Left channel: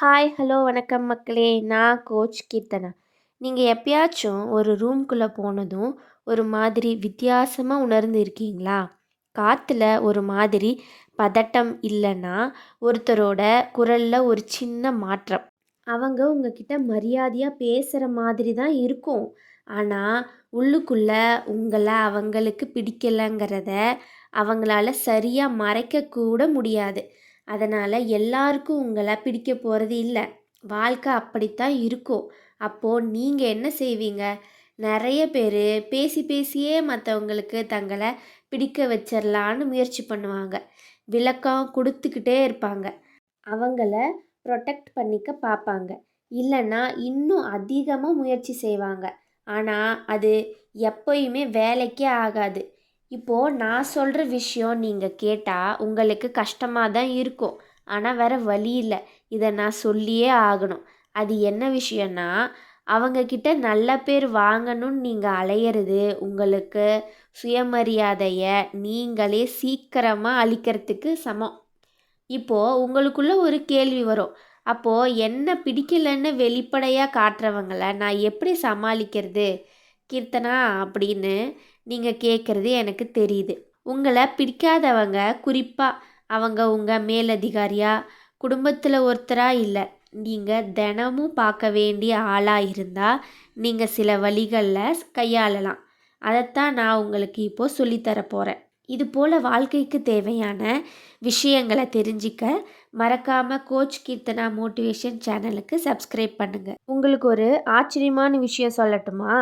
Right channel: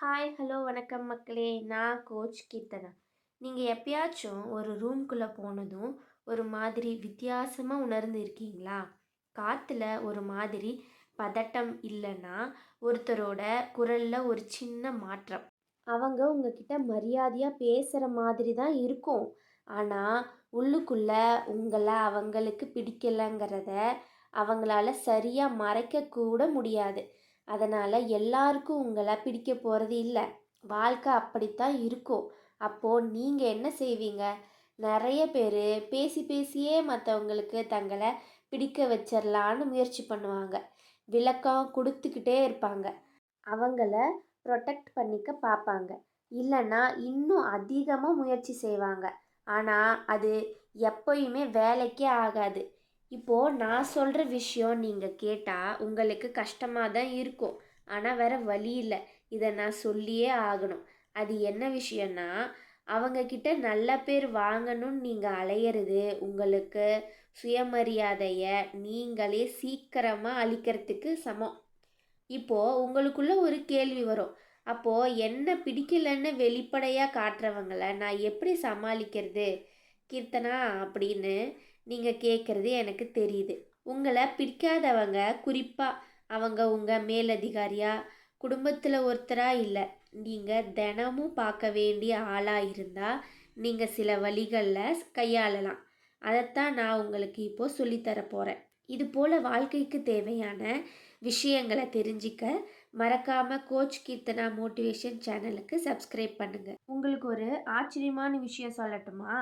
Hi hello வணக்கம் மக்களே. நான் கோச் கீர்த்தனா. நீங்கள் எப்பயாச்சும் ஒரு ரூம்குள்ளே போனதும் ஒரு மாதிரி வித்தியாசமாக உணர்ந்து இருக்கீங்களா? காற்றுல ஒரு மாதிரி பதட்டம் இல்லைன்னா ஒருத்தரோட குரலில் ஒரு சின்ன மாற்றம். அவங்க உங்ககிட்ட மரியாதையாக பேசுகிற மாதிரி தான் இருக்கும். ஆனால் உள்ளுக்குள்ளே உங்களை அவங்களுக்கு பிடிக்கலைங்கிறத அவங்களால சரியாக மறைக்கக்கூட முடியாது. அதனால் எல்லாருக்கும் உங்களை பிடிக்க போகிறது இல்லை. வாழ்க்கை அப்படித்தான் இருக்கும். அப்போது நீங்கள் என்ன செய்வீங்க? நிறைய பேர் பேசி பேசியே மற்றவங்களுக்கு தங்களை பிடிக்க வச்சிடலான்னு முயற்சி பண்ணுவாங்க. விளக்கம் கொடுத்துக்கிட்டே இருப்பாங்க. அவங்கள ப்ரொடெக்ட் பண்ணிக்க பார்ப்பாங்க இல்லைன்னா இன்னும் அதிகமாக முயற்சி செய்வாங்க. ஆனால் அது எப்போயுமே வேலைக்கே ஆகாது. இப்போது நான் சொல்கிற விஷயம் நீங்கள் கேட்டால் உங்களுக்கு கஷ்டமாக தான் இருக்கும். ஆனால் வேறு வழி இல்லை. இதை நான் சொல்லியே ஆகணும். அது என்ன விஷயம்னா அவங்கக்கிட்ட நல்ல பேர் வாங்கணும்னு நீங்கள் அலையிறது உங்களுக்கு சுயமரியாதையை நீங்களே சீக்கிரமாக அழிக்கிறதுக்கு சமம். இப்போது உங்களுக்குள்ளே ஒரு கேள்வி வரும். அப்போது என்ன பிடிக்கலன்னு வெளிப்படையாக காட்டுறவங்கள நான் எப்படி சமாளிக்கிறது? கீர்த்தனா அப்படின்னு நீங்கள் கேட்குறது எனக்கு தெரியுது. உங்களை பிடிக்காதவங்க குறிப்பாக அவங்க உங்கள் மேலதிகாரியா குடும்பத்தில் ஒருத்தராக இல்லை நீங்கள் தினமும் பார்க்க வேண்டிய ஆளாக இருந்தால் நீங்கள் சில வழிகளில் கையாளலாம். அதைத்தான் நான் உங்களுக்கு இப்போது சொல்லித்தர போகிறேன் இது போல் வாழ்க்கைக்கு தேவையான விஷயங்களை தெரிஞ்சிக்க மறக்காமல் கோச் கீர்த்தனா மோட்டிவேஷன் சேனலுக்கு சப்ஸ்கிரைப் பண்ணுங்கள் உங்களுக்கு ஒரு ஆச்சரியமான விஷயம் சொல்லட்டுமா?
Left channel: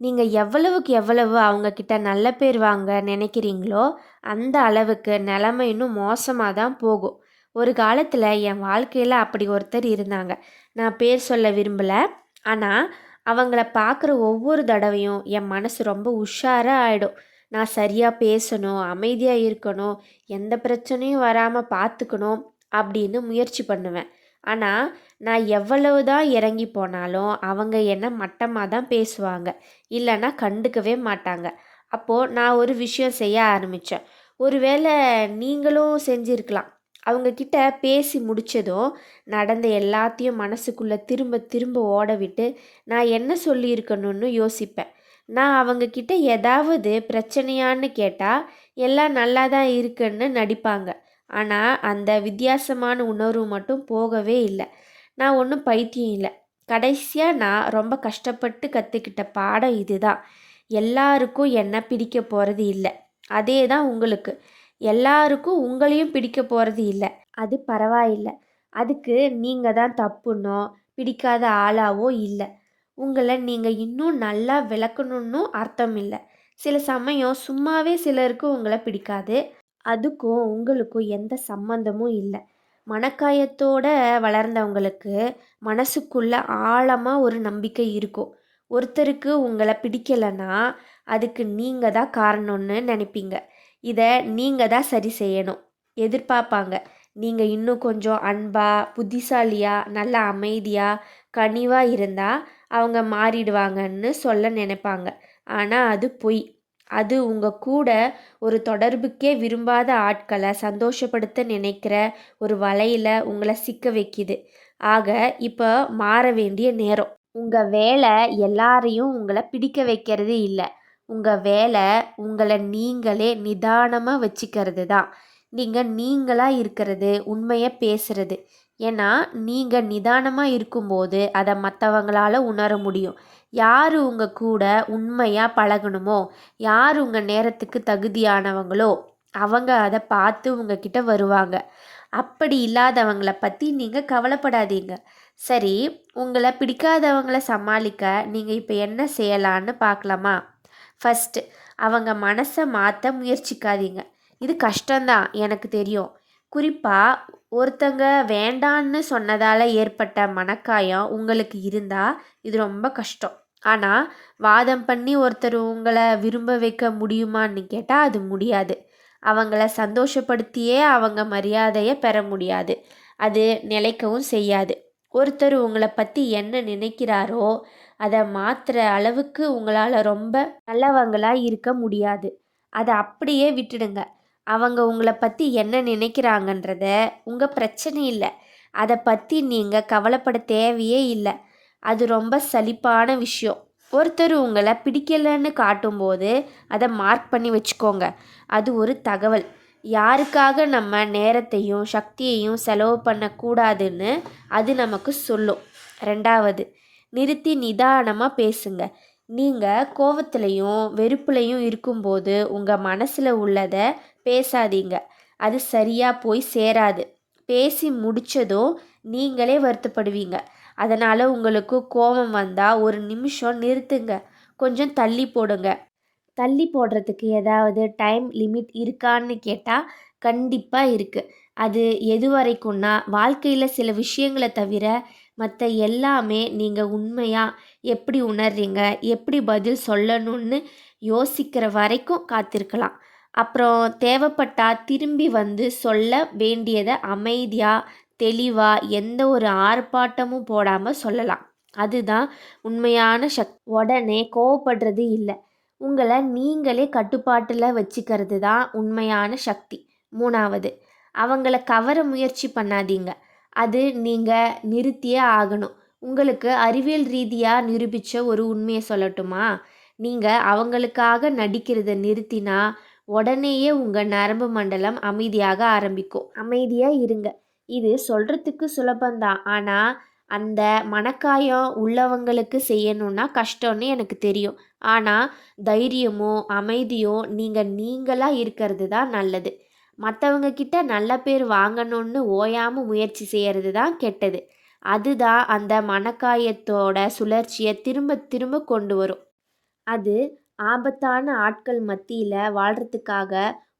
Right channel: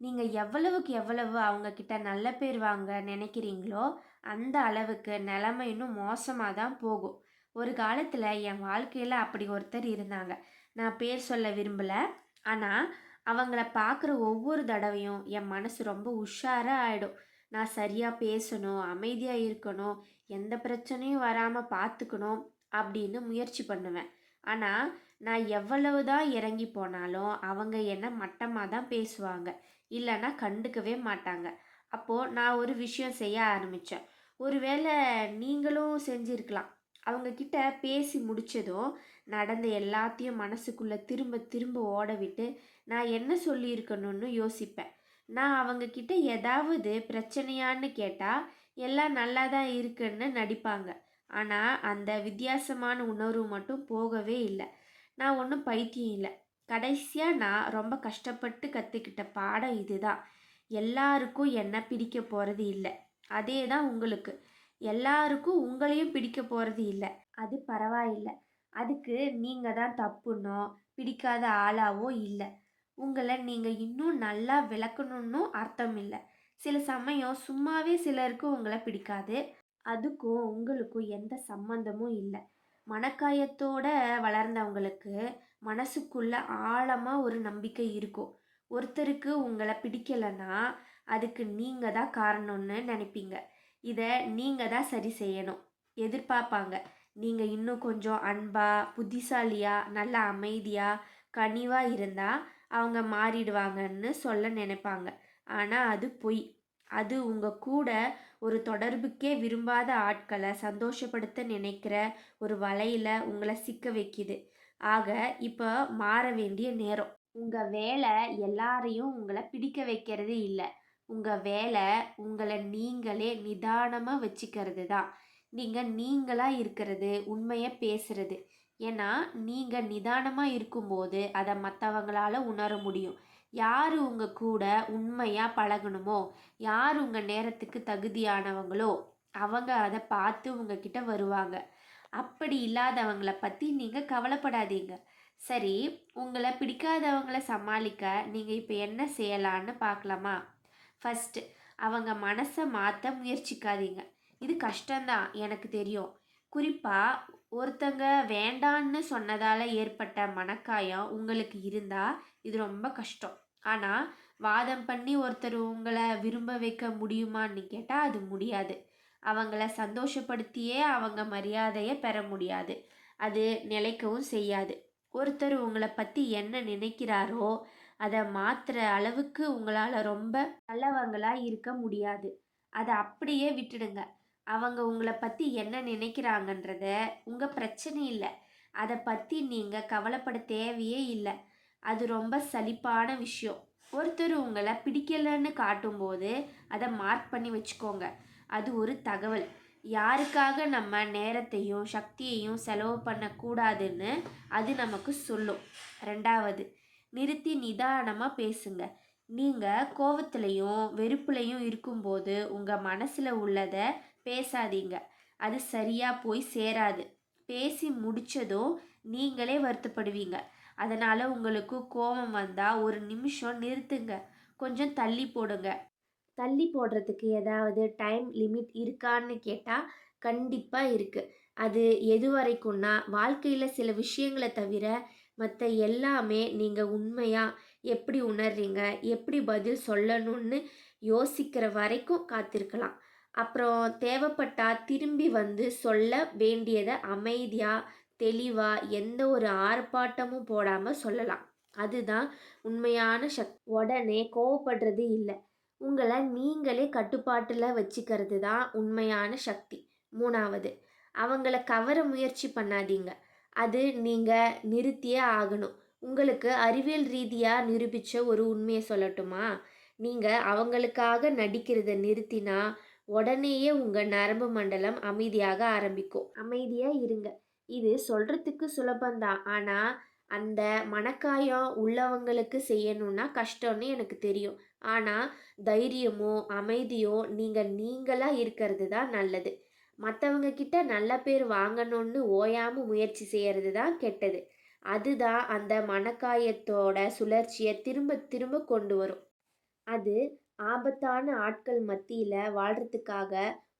நீங்கள் எவ்வளவுக்கு எவ்வளவு அவங்கக்கிட்ட நல்ல பேர் வாங்க நினைக்கிறீங்களோ அந்த அளவுக்கு நிலமை இன்னும் மோசமாக தான் போகும். ஒரு காலத்தில் என் வாழ்க்கையில் அப்படி ஒருத்தர் இருந்தாங்க. நான் பேர் சொல்ல விரும்பலை. ஆனால் அவங்கள பார்க்குற ஒவ்வொரு தடவையும் என் மனசு ரொம்ப உஷாராக ஆகிடும் நான் சரியாக பேசணும் அமைதியாக இருக்கணும் எந்த பிரச்சனையும் வராமல் பார்த்துக்கணும் அப்படின்னு முயற்சி பண்ணுவேன். ஆனால் நான் எவ்வளவு தான் இறங்கி போனாலும் அவங்க என்ன மட்டமாக தான் பேசுவாங்க. இல்லைன்னா கண்டுக்கவே மாட்டாங்க. அப்போது நான் ஒரு விஷயம் செய்ய ஆரம்பித்தேன் ஒருவேளை நீங்களும் செஞ்சுருக்கலாம். அவங்கக்கிட்ட பேசி முடித்ததும் நடந்த எல்லாத்தையும் மனசுக்குள்ளே திரும்ப திரும்ப ஓட விட்டு நான் என்ன சொல்லியிருக்கணும்னு யோசிப்பேன். நான் அவங்கக்கிட்ட ஏதாவது பிரச்சனையான்னு கேட்டால் எல்லாம் நல்லா தான் இருக்குன்னு நடிப்பாங்க. ஆனால் அந்த வித்தியாசமான உணர்வு மட்டும் போகவே இல்லை. நான் ஒன்றும் பைத்தியம் இல்லை. கடைசியாக நான் ரொம்ப கஷ்டப்பட்டு கற்றுக்கிட்ட பாடம் இதுதான். எல்லாருக்கும் என்ன பிடிக்க போகிறது இல்லை. அதே தான் உங்களுக்கு. எல்லாருக்கும் உங்களையும் பிடிக்க போகிறது இல்லை. அது பரவாயில்லை. அதுக்கு நீங்கள் தான் தப்புனோ பிடிக்காத ஆளாவோ இல்லை. உங்களை நீங்கள் இன்னும் நல்லா விளக்கணுன்னு அர்த்தம் இல்லை. சில சமயம் சும்மாவே சிலருக்கு உங்களை பிடிக்காது. அதுக்கும் உங்களுக்கும் எந்த சம்மந்தமும் இல்லை. மனக்காயத்தோட வளர்ந்தவங்களுக்கு மனசுக்குள்ள ஆழமாக ஒரு நம்பிக்கை இருக்கும். ஒருத்தருக்கு உங்களை பிடிக்கலைன்னா அதுக்கு நீங்கள் தான் காரணம்னு நினைப்பீங்க. இதை நீங்கள் தான் சரி செய்யணும். எதிர்பார்ப்பாங்க. நீங்கள் இன்னும் கொஞ்சம் அன்பாக புத்திசாலியாக நல்ல அமைதியாக கனிவாக இருந்தால் அவங்க மாறிடுவாங்கன்னு சொல்ல நினைப்பாங்க. ஆனால் அது பொய். அது உங்கள் கூட ஒரு தொடர்புக்கே விரும்பாத ஆட்களை சந்தோஷப்படுத்த நினைக்கிற ஒரு வலையில் உங்களை சிக்க வைக்கிது. ஆக இப்போ மாற வேண்டிய நேரம். உங்கள் வேலை எல்லாரையும் உங்களை பிடிக்க வைக்கிறது இல்லை. உங்கள் வேலை உங்களை நீங்களே நிதானமாக வச்சுக்கிறது தான். நீங்கள் நீங்களாக இருக்கிறது உண்மையை பேசுகிறது ஏன்னா நீங்கள் நிதானமாக இருக்கும்போது அதை மற்றவங்களால உணர முடியும். யார் உங்கள் கூட உண்மையாக பழகணுமோ? யார் உங்கள் நேரத்துக்கு தகுதியானவங்களோ? அவங்க அதை பார்த்து உங்ககிட்ட வருவாங்க. அப்படி இல்லாதவங்கள பற்றி நீங்கள் கவலைப்படாதீங்க. சரி உங்களை பிடிக்காதவங்கள சமாளிக்க நீங்கள் இப்போ என்ன செய்யலான்னு பார்க்கலாமா ஃபஸ்ட்டு அவங்க மனசை மாற்ற முயற்சிக்காதீங்க. இது கஷ்டம்தான் எனக்கு தெரியும். குறிப்பாக ஒருத்தங்க வேண்டான்னு சொன்னதால் ஏற்பட்ட மனக்காயம் உங்களுக்கு இருந்தால் இது ரொம்ப கஷ்டம். ஆனால் வாதம் பண்ணி ஒருத்தர் உங்களை விரும்ப வைக்க முடியுமான்னு கேட்டால் அது முடியாது. அவங்கள சந்தோஷப்படுத்தியே அவங்க மரியாதையை பெற முடியாது. அது நிலைக்கவும் செய்யாது. ஒருத்தர் உங்களை பற்றி என்ன நினைக்கிறாரோ அதை மாற்றுற அளவுக்கு உங்களால் ரொம்ப நல்லவங்களாக இருக்க முடியாது. அதை அப்படியே விட்டுடுங்க. அவங்க உங்களை பற்றி என்ன நினைக்கிறாங்கன்றத உங்கள் பிரச்சனை இல்லை. அதை பற்றி நீங்கள் கவலைப்பட தேவையே இல்லை. அது ரொம்ப சலிப்பான விஷயம். ஒருத்தர் உங்களை பிடிக்கலைன்னு காட்டும்போது அதை மார்க் பண்ணி வச்சுக்கோங்க. அது ஒரு தகவல். யாருக்காக நம்ம நேரத்தையும் சக்தியையும் செலவு பண்ணக்கூடாதுன்னு அது நமக்கு சொல்லும். ரெண்டாவது நிறுத்தி நிதானமாக பேசுங்க. நீங்கள் கோவத்துலையும் வெறுப்புலையும் இருக்கும்போது உங்கள் மனசில் உள்ளதை பேசாதீங்க. அது சரியாக போய் சேராது. பேசி முடித்ததும் நீங்களே வருத்தப்படுவீங்க. அதனால் உங்களுக்கு கோபம் வந்தால் ஒரு நிமிஷம் நிறுத்துங்க. கொஞ்சம் தள்ளி போடுங்க. தள்ளி போடுறதுக்கு ஏதாவது டைம் லிமிட் இருக்கான்னு கேட்டால் கண்டிப்பாக இருக்குது அது எது வரைக்கும்னா வாழ்க்கையில் சில விஷயங்களை தவிர மற்ற எல்லாமே நீங்கள் உண்மையாக எப்படி உணர்றீங்க எப்படி பதில் சொல்லணும்னு யோசிக்கிற வரைக்கும் காத்திருக்கலாம். அப்புறம் தேவைப்பட்டால் திரும்பி வந்து சொல்ல வேண்டியதை அமைதியாக தெளிவாக எந்த ஒரு ஆர்ப்பாட்டமும் போடாமல் சொல்லலாம். அதுதான் உண்மையான சக் உடனே கோவப்படுறது இல்லை. உங்களை நீங்களே கட்டுப்பாட்டில் வச்சுக்கிறது தான் உண்மையான சக்தி. மூணாவது அவங்கள கவர முயற்சி பண்ணாதீங்க. அது நீங்கள் நிறுத்தியே ஆகணும். உங்களுக்கு அறிவியல் ரீதியாக நிரூபித்த ஒரு உண்மையை சொல்லட்டுமா? நீங்கள் அவங்களுக்காக நடிக்கிறத நிறுத்தினா உடனேயே உங்கள் நரம்பு மண்டலம் அமைதியாக ஆரம்பிக்கும். அமைதியாக இருங்க. இது சொல்கிறதுக்கு சுலபந்தான் ஆனால் அந்த மனக்காயம் உள்ளவங்களுக்கு செய்யணுன்னா கஷ்டம்னு எனக்கு தெரியும். ஆனால் தைரியமோ அமைதியோ நீங்கள் நீங்களாக இருக்கிறது தான் நல்லது. மற்றவங்க கிட்ட நல்ல பேர் வாங்கணும்னு ஓயாமல் முயற்சி செய்கிறது தான் கெட்டது. அதுதான் அந்த மனக்காயத்தோட சுழற்சியை திரும்ப திரும்ப கொண்டு வரும். அது ஆபத்தான ஆட்கள் மத்தியில் வாழ்கிறதுக்காக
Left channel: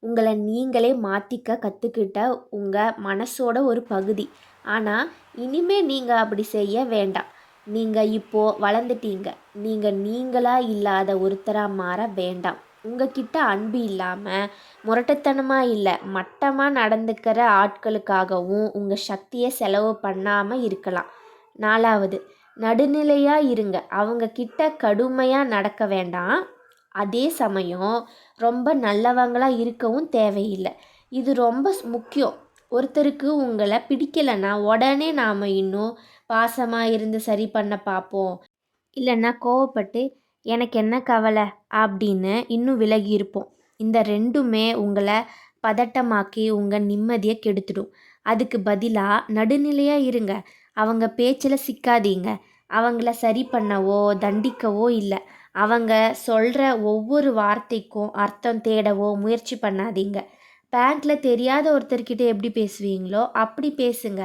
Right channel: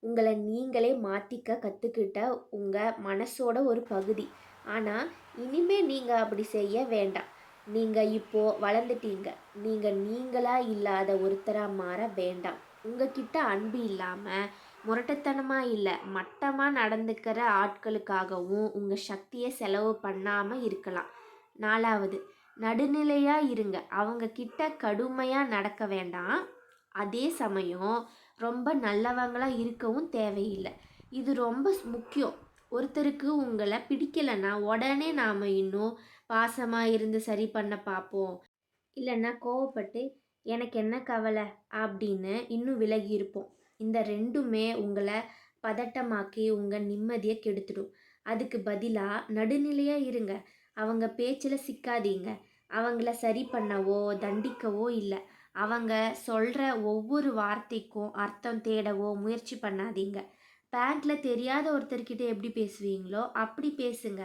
உங்களை நீங்களே மாற்றிக்க கற்றுக்கிட்ட உங்கள் மனசோட ஒரு பகுதி. ஆனால் இனிமே நீங்கள் அப்படி செய்ய வேண்டாம். நீங்கள் இப்போது வளர்ந்துட்டீங்க. நீங்கள் நீங்களாக இல்லாத ஒருத்தராக மாற வேண்டாம். உங்ககிட்ட அன்பு இல்லாமல் முரட்டுத்தனமாக இல்லை மட்டமாக நடந்துக்கிற ஆட்களுக்காகவும் உங்கள் சக்தியை செலவு பண்ணாமல் இருக்கலாம். நாலாவது நடுநிலையாக இருங்க. அவங்க கிட்ட கடுமையாக நடக்க வேண்டாம். அதே சமயம் ரொம்ப நல்லவங்களாக இருக்கவும் தேவையில்லை. இது ரொம்ப முக்கியம். ஒருத்தருக்கு உங்களை பிடிக்கலைன்னா உடனே நாம் இன்னும் பாசமாக இருந்து சரி பண்ண பார்ப்போம் இல்லைன்னா கோவப்பட்டு எனக்கு என்ன கவலை? அப்படின்னு இன்னும் விலகி இருப்போம். இந்த ரெண்டுமே உங்களை பதட்டமாக்கி உங்கள் நிம்மதியை கெடுத்துடும். அதுக்கு பதிலாக நடுநிலையாக இருங்க. அவங்க பேச்சில் சிக்காதீங்க. அவங்கள சரி பண்ணவோ தண்டிக்கவோ இல்லை. அவங்க சொல்கிற ஒவ்வொரு வார்த்தைக்கும் அர்த்தம் தேடவோ முயற்சி பண்ணாதீங்க. பேங்க்கில் தெரியாத ஒருத்தர்கிட்ட எப்படி பேசுவீங்களோ அப்படி பேசுங்க.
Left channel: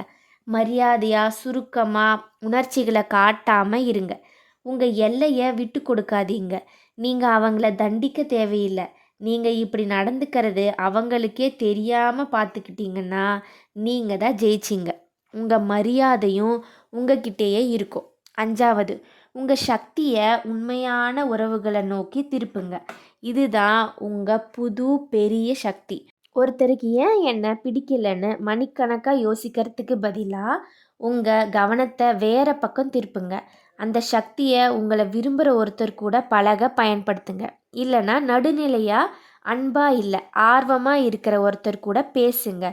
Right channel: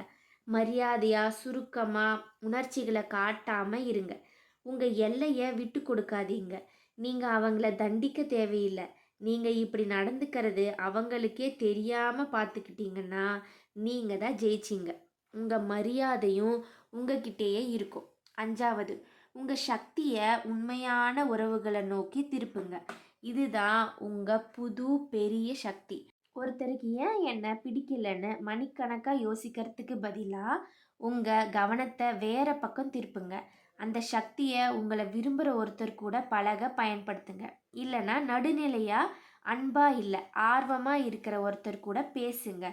மரியாதையாக சுருக்கமாக உணர்ச்சிகளை காட்டாமல் இருங்க. உங்கள் எல்லையை விட்டு கொடுக்காதீங்க. நீங்கள் அவங்கள தண்டிக்க தேவையில்லை. நீங்கள் இப்படி நடந்துக்கிறது அவங்களுக்கே தெரியாமல் பார்த்துக்கிட்டிங்கன்னா நீங்கள் தான் ஜெயிச்சிங்க. உங்கள் மரியாதையும் உங்ககிட்டயே இருக்கும். அஞ்சாவது உங்கள் சக்தியை உண்மையான உறவுகளை நோக்கி திருப்புங்க. இதுதான் உங்கள் புது பெரிய சக்தி. ஒருத்தருக்கு ஏன் என்ன பிடிக்கலன்னு மணிக்கணக்காக யோசிக்கிறதுக்கு பதிலாக உங்கள் கவனத்தை வேறு பக்கம் திருப்புங்க. அந்த சக்தியை உங்களை விரும்புகிற ஒருத்தர் கூட பழக பயன்படுத்துங்க. இல்லைன்னா நடுநிலையாக அன்பாக இல்லை ஆர்வமாக இருக்கிற ஒருத்தர் கூட பேசுங்க.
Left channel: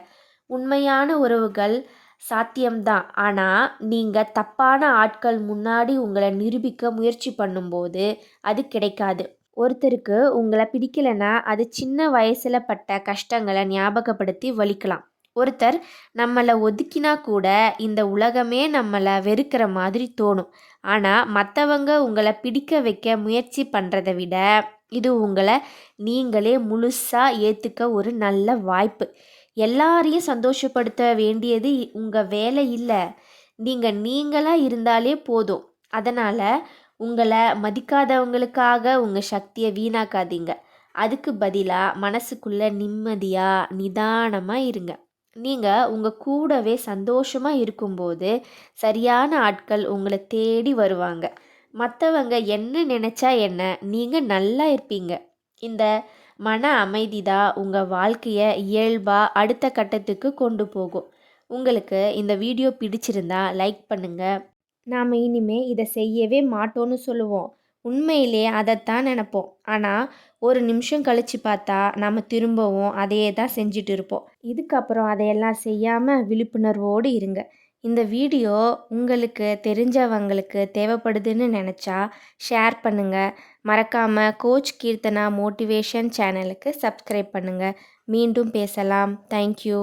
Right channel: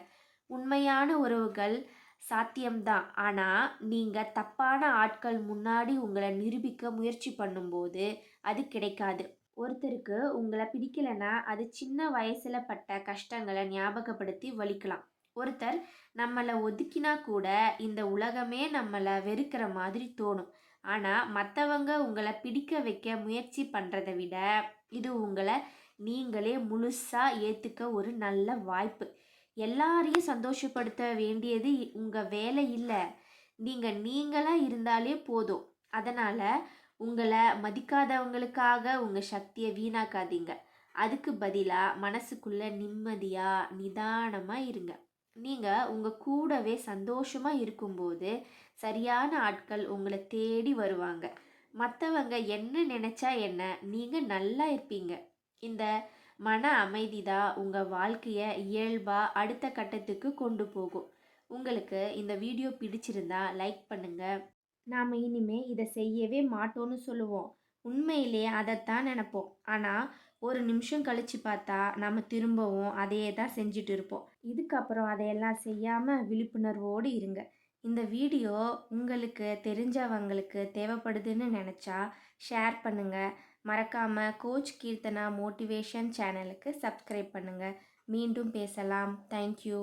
உண்மையான உறவுகள் சாத்தியம்தான் ஆனால் நீங்கள் தப்பான ஆட்கள் முன்னாடி உங்களை நிரூபிக்க முயற்சி பண்ணும்போது அது கிடைக்காது. ஒருத்தருக்கு உங்களை பிடிக்கலைன்னா அது சின்ன வயசில் பட்ட கஷ்டங்களை ஞாபகப்படுத்தி வலிக்கலாம். ஒருத்தர் நம்மளை ஒதுக்கினா கூட இந்த உலகமே நம்மளை வெறுக்கிற மாதிரி தோணும். ஆனால் மற்றவங்க உங்களை பிடிக்க வைக்க முயற்சி பண்ணுறதை விட இது உங்களை நீங்களே முழுசாக ஏற்றுக்க ஒரு நல்ல வாய்ப்பு. எல்லாரையும் சந்தோஷப்படுத்த வேண்டியது உங்கள் வேலை இல்லை. நீங்கள் நீங்களாக இருந்தாலே போதும். அதனால் உங்களை மதிக்காதவங்களுக்காக உங்கள் சக்தியை வீணாக்காதீங்க. அதுக்கு பதிலாக மனசுக்குள்ளே நிம்மதியாக நிதானமாக இருங்க. நீங்கள் உங்கள் கூடவே சந்தோஷமாக இருக்கும்போது சரியான ஆட்கள் உங்களை தேடி வருவாங்க. மற்றவங்க என்ன நினச்சா என்ன நீங்கள் நல்லா இருப்பீங்க. இந்த மன அமைதி தான் உங்கள் வாழ்க்கையை இயல்பாக அடுத்த கட்டத்துக்கு கொண்டு போகும். உங்களுக்கு இந்த வீடியோ பிடிச்சிருந்தா லைக் பண்ணுங்கள் நாம் இனிமே இதை செய்யவே மாட்டோம்னு சொல்லுவோம். உண்மையிலே அதைத்தான் நினப்போம். ஆனால் ஒரு நிமிஷம் கழித்து பார்த்தா நம்ம திரும்பவும் அதையே தான் செஞ்சுட்டு இருப்போம். இதுக்கப்புறம் அதையெல்லாம் செய்யாமல் விழிப்புணர்வோடு இருங்க. இந்த வீடியோ உங்களுக்கு தெரிஞ்சவங்களுக்கு தேவைப்படுதுன்னு நினச்சா ஷேர் பண்ணுங்கள் மறக்காமல் கோச் கீர்த்தனா மோட்டிவேஷன் சேனலுக்கு சப்ஸ்கிரைப் பண்ணுங்கள் மீண்டும் பேசலாம். தேங்க்யூ